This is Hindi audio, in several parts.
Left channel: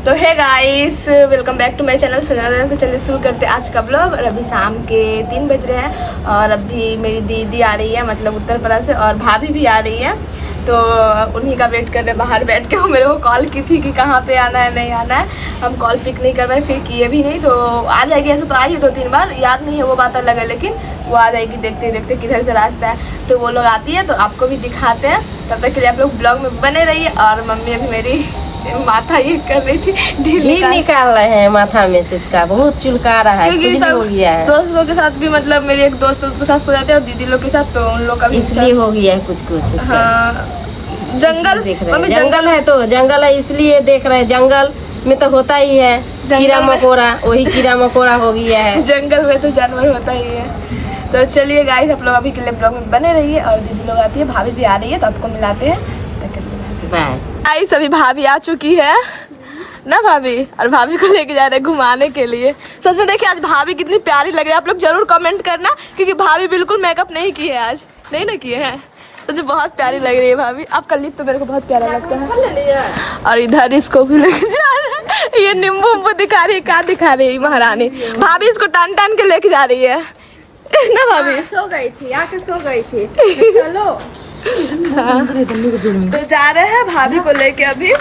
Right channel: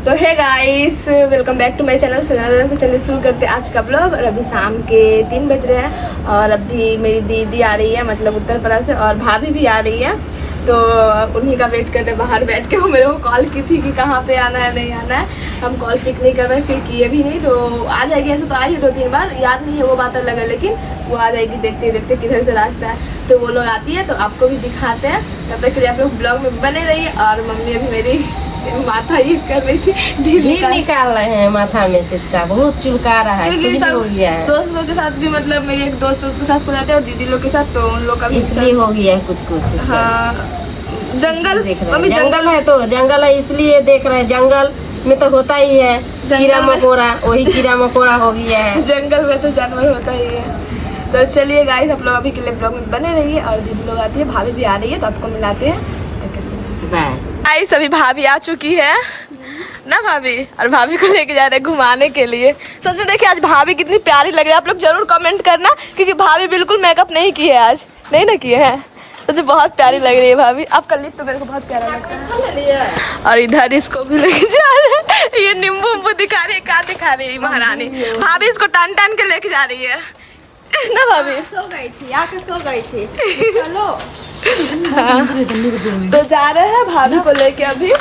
तो है guys, welcome back to my channel Sajna. तो चलिए शुरू करते हैं आज का ब्लॉग। और अभी शाम के 3 बज रहे हैं और अभी मेरी दीदी आ रही है, मतलब उत्तर प्रदेश से, और भाभी भी आ रही है। तो उन्हीं का वेट कर रहे बाहर बैठ के। वो मेरे को कॉल की थी कि कहाँ पे आना है, नहीं आना है। हम कॉल पिक नहीं कर पाए, फिर किए भी नहीं। तो आ जाएगी, ऐसे तो आई है 2-3 बार, याद नहीं है वो बात अलग है, लेकिन वो आ जाएगी। देखते देखते किधर से रास्ता है। तो वो लोग आती है तो आपको भी दिखाते हैं। तब तक के लिए आप लोग ब्लॉग में बने रहिए। और मम्मी अभी मेरी माथा ये कर रही थी, ढील निकाल रहे हैं माथा में से, इसका बहुत चुलका रहा है, क्योंकि सब हो गया है। दोस्त लोग के साथ भी, मतलब मेरी एक दोस्त उसके साथ सो जाते हैं और दीदी लोग के साथ, तो उन लोग का भी इसलिए हो गया है कुछ। हाँ, जंगल देख रहे हैं, जंगल है तो जंगल है इसलिए देख रहे हैं। जंगल में तो होता ही है कीड़ा मकोड़ा, वही कीड़ा मकोड़ा हो गया है। जंगल में तो जानवर होता ही है। तो चलिए गाइस, आप लोग अभी के लिए ब्लॉग में बने रहिए। और दीदी लोग आती है, भाभी भी आ रही है, तो आपको मिलाते हैं। बाय। गाइस अभी भाभी आ चुकी है ना भाभी, और भाभी को लेके जा रहे हैं घुमाने के लिए। सच में देखिए आज भाभी कितनी प्यारी लग रही है। आप लोग जरूर कमेंट करना, क्योंकि भाभी बिल्कुल मेकअप नहीं की है आज, नहीं ना किए हैं। मुझे बहुत प्यारी लग रही है भाभी। आपका लिप तो मेरे को बहुत प्यारा लगता है। और इधर इसको भी लेके जा रहे हैं। ये नींबू उम्बू दिखा रही है, क्या दिखा रही है महारानी। भाभी इसको टान टान के लेके जा रही है ना भाभी। सो गई थी, आके सो गई थी। चलो हाँ। तो जा रहे हैं भाभी को लेके अभी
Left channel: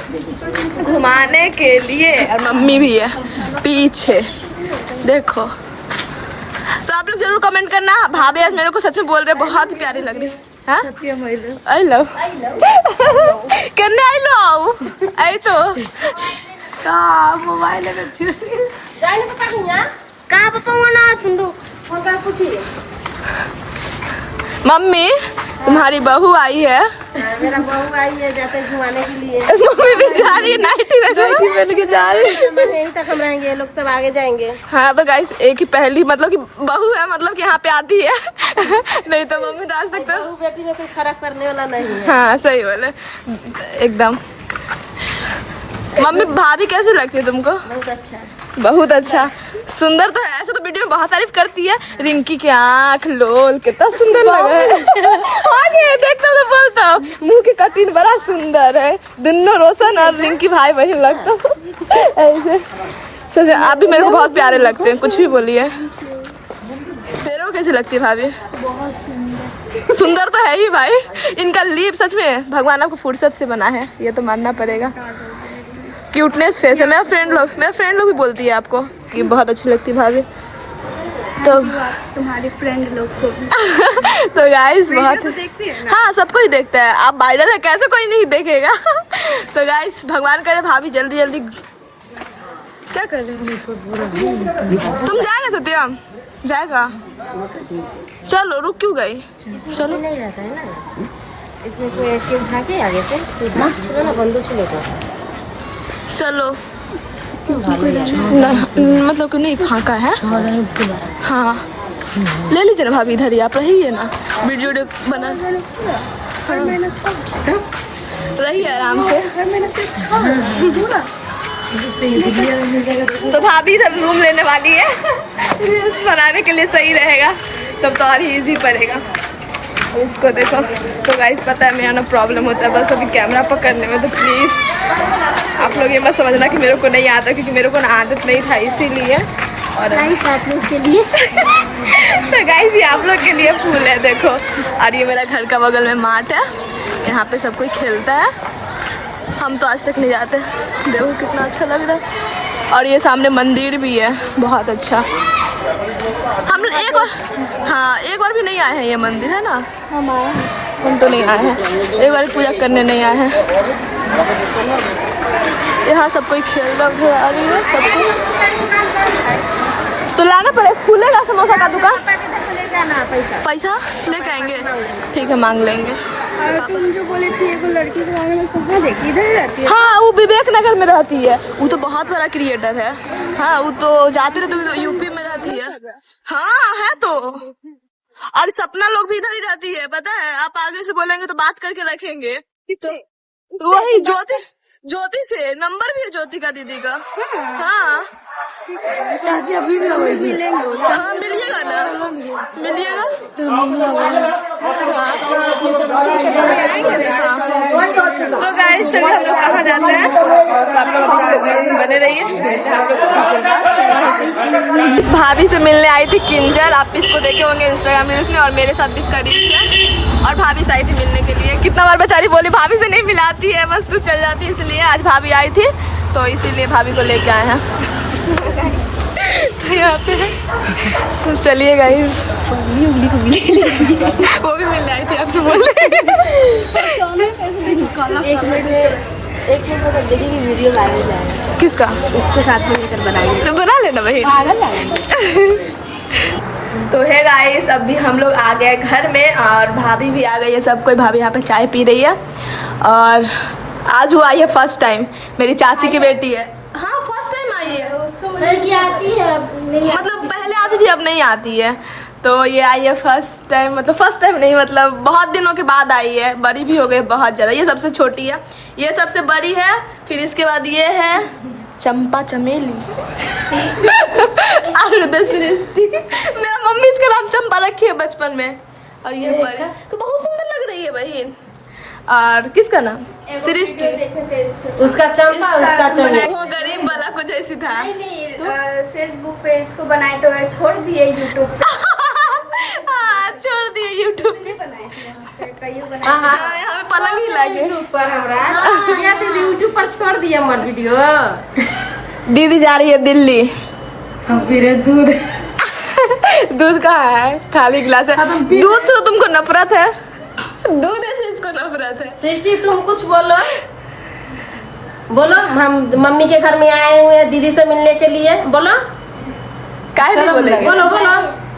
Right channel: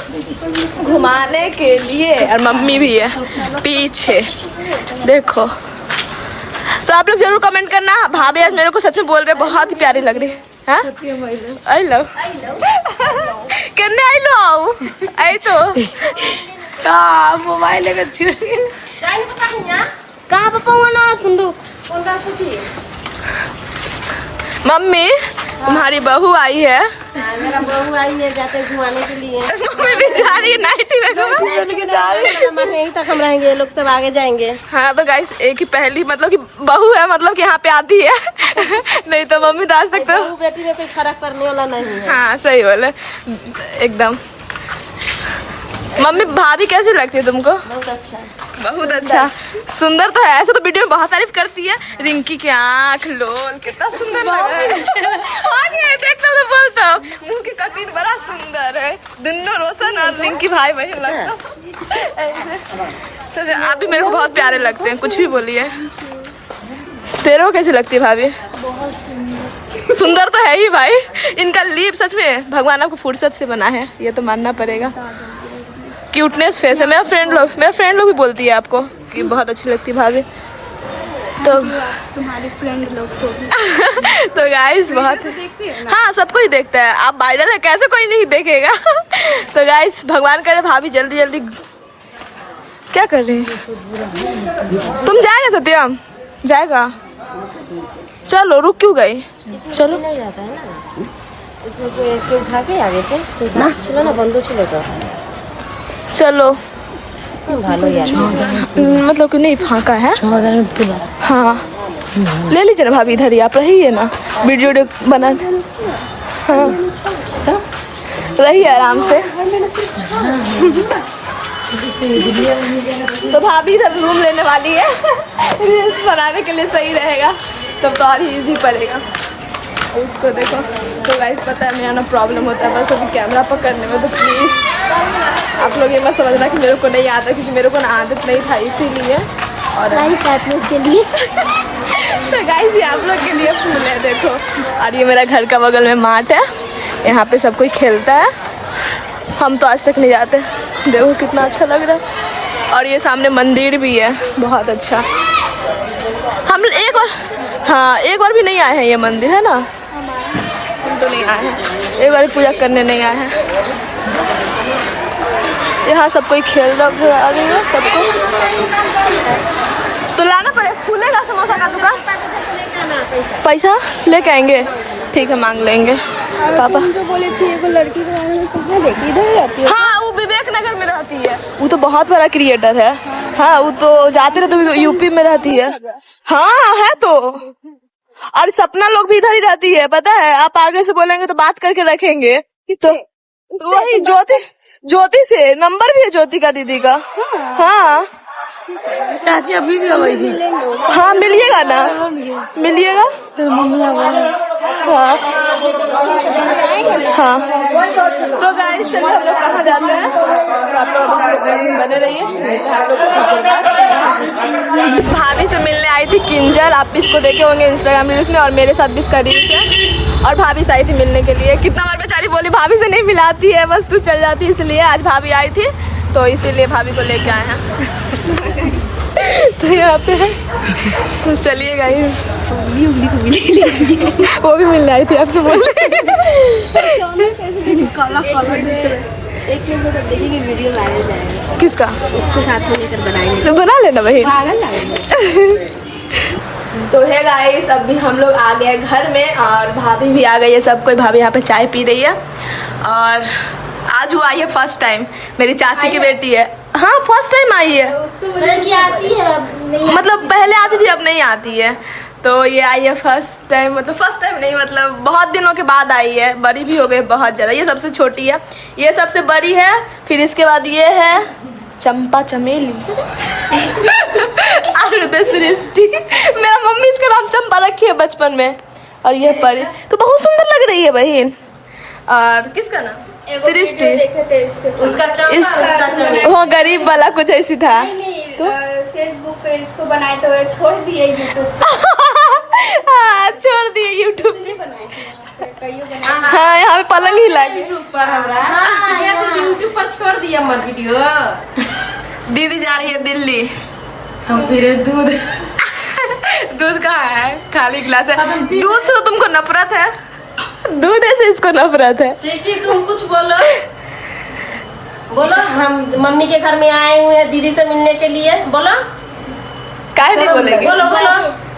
घुमाने के लिए। और मम्मी भी है पीछे, देखो। तो आप लोग जरूर कमेंट करना। भाभी आज मेरे को सच में बोल रहे, बहुत ही प्यारी लग रही है। हाँ? आई लो करने आई लो आओ आई तो मोबाइल लेकर कहाँ पापा ना कुंडू कौन का पूछिए। मम्मी तुम्हारी बहू आई है। मेरा बहू आई है, जाते घुमाने के लिए। मम्मी भी जा रही है नाइटी में जा रही है। यहीं तक हम रहेंगे, लोग सब आगे जाएंगे। हाँ तो गाइस, एक ही पहली मतलब कि बहू है, मतलब कि यहाँ पे आती है। नहीं तो मम्मी तो आज तक तो बेटी में कोई फर्क पड़ने वाला नहीं है। हाँ सही बोले एकदम। मम्मी भाभी कैसी लगती है तुमको? बहुत अच्छा, बहुत अच्छा, सुंदर तो है। ऐसे तो वीडियो में बहुत तारीफ करती है। रिंकी की आँख लोल कितना सुंदर लग रहा है। आगे देखता तो बोलता हूँ, मुंह की कटिंग बड़ा सुंदर है। दोनों रोशन और रिंकी भाई बहन लगता है। तो आप भी मेरे को बहुत प्यारे लगते हैं, कुछ भी बोलिए। तेरे को कैसी लगती है भाभी? बहुत सुंदर। सुंदर तो है ही भाई। इनका लिप सच में भगवान आपको फुर्सत से बना है, ये तो मानना पड़ेगा। क्यूटनेस फेस है। मेरा फ्रेंड लोग भी बोलती है आपको कि बहुत अच्छी लगती है भाभी। तो तुम्हारे फ्रेंड लोग को भी तो गाइस बहुत, हाँ सबको ही देखता है। आप वायरल है, कैसे कोई नहीं देखेगा। तो गाइस भगवान करे भाभी जल्दी जल्दी। क्या कर रही है तुम? जाएगा सत्यम? जाएगा? चलो रुक क्यों गई? चलो नहीं रहता है ना, इसमें कोई भागे आगे से, चलो ना बंदो चले जाओ। चलो मतलब कि नहीं फाका है। हाँ ले लीजिए ना भाभी, इधर ही आप रहिए ना, वीडियो बना। हाँ रहिए आराम से। तो भाभी इधर रूम लेने वाली है। रील्स बनाने के लिए सही रहेगा, तब तो और ही ईजी पड़ेगा। और इसको देखो। तो गाइस पता है मेरा ना प्रॉब्लम होता है बस अभी कैमरा पकड़ने में। तो प्लीज़ आप लोग ये मत समझना कि मेरे को नहीं आता, क्योंकि मेरे को ना आदत नहीं था, इसीलिए। और गाइस आप लोग के लिए तो गाइस ये आप लोग के लिए फूल है, देखो। और ये मेरा घर का बगल में माठ है, यहाँ पे सब कोई खेलता है। हम तो आज तक नहीं जाते। देखो कितना अच्छा लग रहा है। और ये सामने मंदिर भी है, बहुत अच्छा। हम एक और, हाँ एक बार भी नहीं आए हैं ये मंदिर, है ना? हम तो नहीं आए हैं, एक बार पूजा करने नहीं आए हैं। यहाँ सब कोई खेल रहा आ रही है सबको। तो लाना पड़ेगा, खुलेगा समोसा का दुकान? पैसा लेके आएंगे, ठीक है मांग लेंगे। पापा जो बोली थी एक लड़की को कहाँ देती, इधर रहती है। हाँ वो विवेक नगर में रहती है, वो तो बहुत बड़ा क्रिएटर है। हाँ वो तो जाते रहते, तो यूपी में रहती है। हाँ है तो। और सपना लोग भी इधर ही रहती है, पता है? आप आगे से बोलेंगे तो बात करके रखेंगे। तो वही ज्योति से नंबर भी है, ज्योति का दीदी का। हाँ चाची अभी भी हाँ मिलिएगा ना, मिलिएगा। हाँ हाँ। तो गाइस चलिए हम लोग कहाँ जाते हैं, तो आप लोग अभी के ब्लॉग में बने रहिए। मिलते हैं आप लोग को। इस भाभी से मिलने आई थी किंजल, आप इसको देखे होंगे इंस्टाग्राम रील्स में, और मेरे साथ भी इसका रील्स है। और भाभी से आई थी मिलने के लिए, कितना बार बेचारी बोली भाभी से नहीं मिलाती है, बस तू चल जाती, इसलिए आज भाभी आई थी तो इसीलिए भाभी को लेके आए हैं। तो यहाँ पे है, तो चलिए गाइस। वो भी मिलने आई थी आपसे बोल एक चीज तो देखिए कि वीडियो वायरल जाएगा, किसका, उसके साथ मिलकर बनाएंगे तो बना लेना भाई। तो है गाइस, अभी हम लोग आ गए घर में और भाभी भी आ गई है, सब कोई। भाभी यहाँ पे चाय पी रही है और आज वो आई है फर्स्ट टाइम, मेरी चाची की बेटी है। हाँ फर्स्ट टाइम आई है, लड़की आती है मतलब पहले आती थी अब नहीं आती है, तो ये आई है फर्स्ट टाइम। मतलब फर्स्ट टाइम नहीं, मतलब बहुत दिनों के बाद आई है, बड़ी भी हो गई बहुत ज़्यादा। ये सबसे छोटी है, ये सबसे बड़ी है, फिर इसके बाद ये है चंपा चमेली और उधर सृष्टि। मेरा मम्मी इसका नाम चंपा रखी है बचपन में, और ये परी तो बहुत सुंदर लग रही है बहन। और किसका नाम, सृष्टि। उसका चंपा, वो गरीब वाला कुछ ऐसी था, फेसबुक पे इसको बनाए तो छोड़ दिए यूट्यूब पे। हाँ छोड़ दिए यूट्यूब पे। हाँ यहाँ पे पलंग ही लागे यूट्यूब पर हमरा दीदी यूट्यूब पर छोड़ दिया हमारे वीडियो। दीदी जा रही है दिल्ली। हम फिर दूध दूध कहाँ है, खाली गिलास है। दूध से तो तुमको नफरत है, दूध से इसको नफरत है। सृष्टि तुम कुछ बोलो, बोलो। हम मम्मी के घर में आए हुए हैं दीदी से मिलने के लिए, बोलो। काहे नहीं बोलेंगे, बोलो बोलो,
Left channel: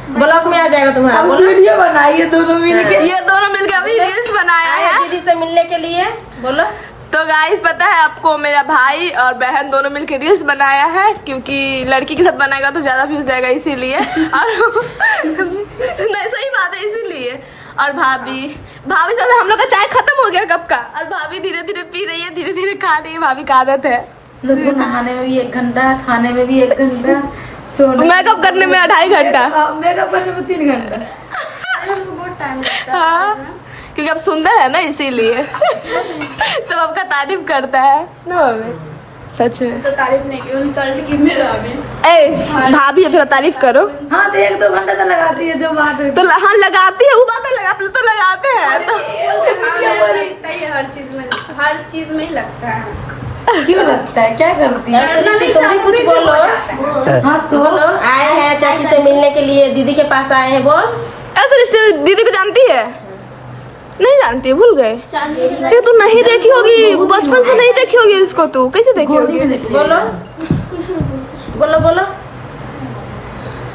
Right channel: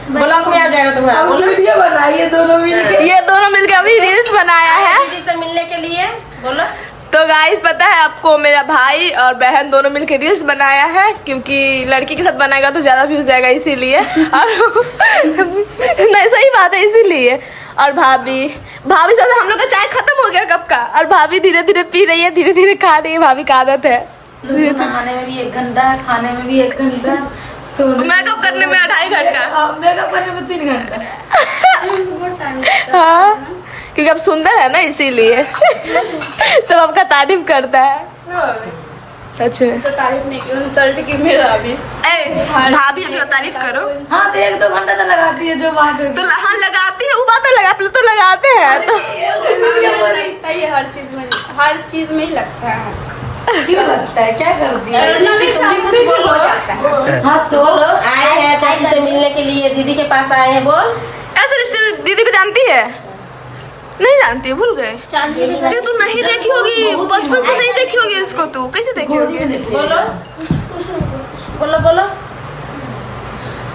ब्लॉग में आ जाएगा तुम्हारा। वीडियो बनाइए दोनों मिलके। ये दोनों मिलके अभी रील्स बनाया है दीदी से मिलने के लिए, बोलो। तो गाइस पता है आपको, मेरा भाई और बहन दोनों मिलके रील्स बनाया है, क्योंकि लड़की के साथ बनाएगा तो ज्यादा व्यूज जाएगा इसीलिए। और नहीं सही बात है, इसीलिए। और भाभी से हम लोग का चाय खत्म हो गया कब का, और भाभी धीरे धीरे पी रही है, धीरे धीरे खा रही है। भाभी का आदत है, नहाने में भी 1 घंटा, खाने में भी 1 घंटा, सोने मेकअप करने में 2.5 घंटा, मेकअप करने में 3 घंटा। बहुत टाइम लगता है। हाँ क्योंकि अब सुंदर है ना इसीलिए सब आपका तारीफ करता है सच में। तो तारीफ नहीं की, इंसल्ट की मेरा अभी। ए भाभी थोड़ा तारीफ करो। हाँ तो 1-2 घंटा तो लगाती है जो बात है। तो हाँ लगाती है, वो बात है, लगा तो लगाते हैं तो हर चीज में ही लगता है। क्यों लगता है, क्या करती है? कुछ बोलो। हाँ बोलो, आए हैं चाची से मिलने के लिए, दीदी के पास आए हैं, बोल। ऐसे दीदी को जानती है, नहीं जानती है, भूल गए। ये तो नहीं देखी होगी, बचपन से नहीं देखी होगी इसको, तू कैसे देखी होगी। बोलो बोलो बोलो।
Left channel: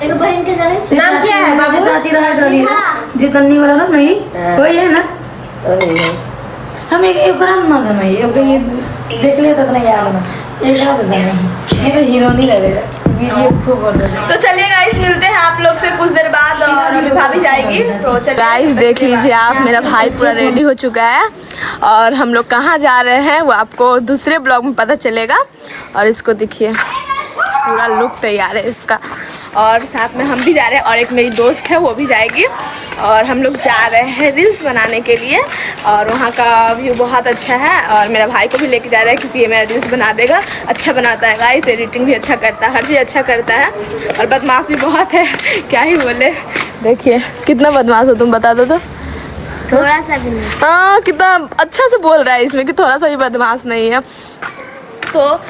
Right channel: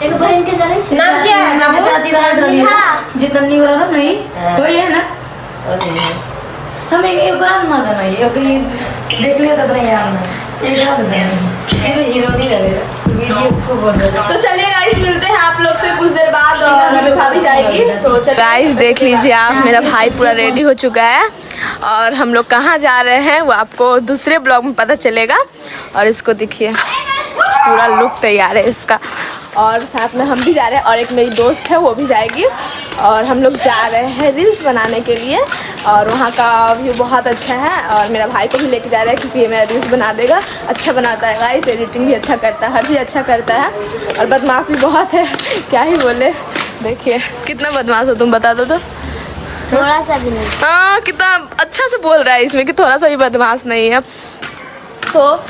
एक बहन के जाने नाम क्या है बाबू? चाची जितनी वाला ना, नहीं वही है ना। हम एक रात ना जाना, देख ले तो यार ना, एक रात जाना, ये तो हीरो नहीं लगेगा। तो चलिए गाइस, मिलते हैं आप लोग से कुछ देर बाद, और अभी भाभी जाएगी तो गाइस देख लीजिए आप, मेरा भाई पूरा रेडी हो चुका है और हम लोग कहाँ जा रहे हैं वो आपको दूसरे ब्लॉग में पता चलेगा। और इसको देखिए पूरा लुक तैयार है इसका, और साथ में हम भी जा रहे हैं, और एक मेरी दोस्त है वो भी जाएगी, और हम लोग जा रहे हैं रील्स बनाने के लिए। और वहाँ का व्यू बहुत अच्छा है, और मेरा भाई को भी लेके जा रहा है क्योंकि ये मेरा रील्स बना देगा। अच्छा बनाता है गाइस, एडिटिंग भी अच्छा करता है, हर चीज़ अच्छा करता है, और बदमाश भी बहुत है क्या ही बोले। देखिए कितना बदमाश हो तुम, बता दो तो। थोड़ा सा भी नहीं। हाँ कितना अच्छा से बोल रहा है इसमें कि थोड़ा सा भी बदमाश नहीं है। तो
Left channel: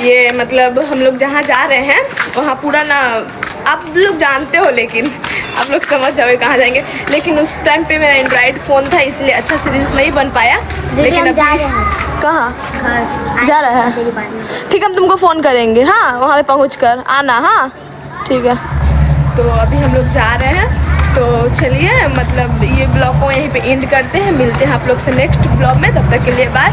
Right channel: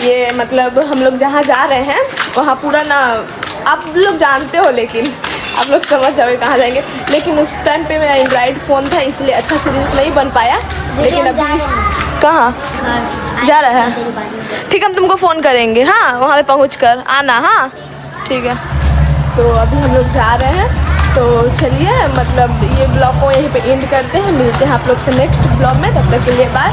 ये मतलब हम लोग जहाँ जा रहे हैं वहाँ पूरा ना, आप लोग जानते हो, लेकिन आप लोग समझ जाओगे कहाँ जाएंगे। लेकिन उस टाइम पे मेरा एंड्रॉइड फ़ोन था इसलिए अच्छा सीरीज नहीं बन पाया। लेकिन अभी कहाँ जा रहा है, ठीक है हम तुमको फ़ोन करेंगे। हाँ वहाँ पे पहुँच कर आना। हाँ ठीक है, तो अभी हम लोग जा रहे हैं, तो चलिए मतलब ये ब्लॉग को यहीं पे एंड करते हैं। मिलते हैं आप लोग से नेक्स्ट ब्लॉग में, तब तक के लिए बाय।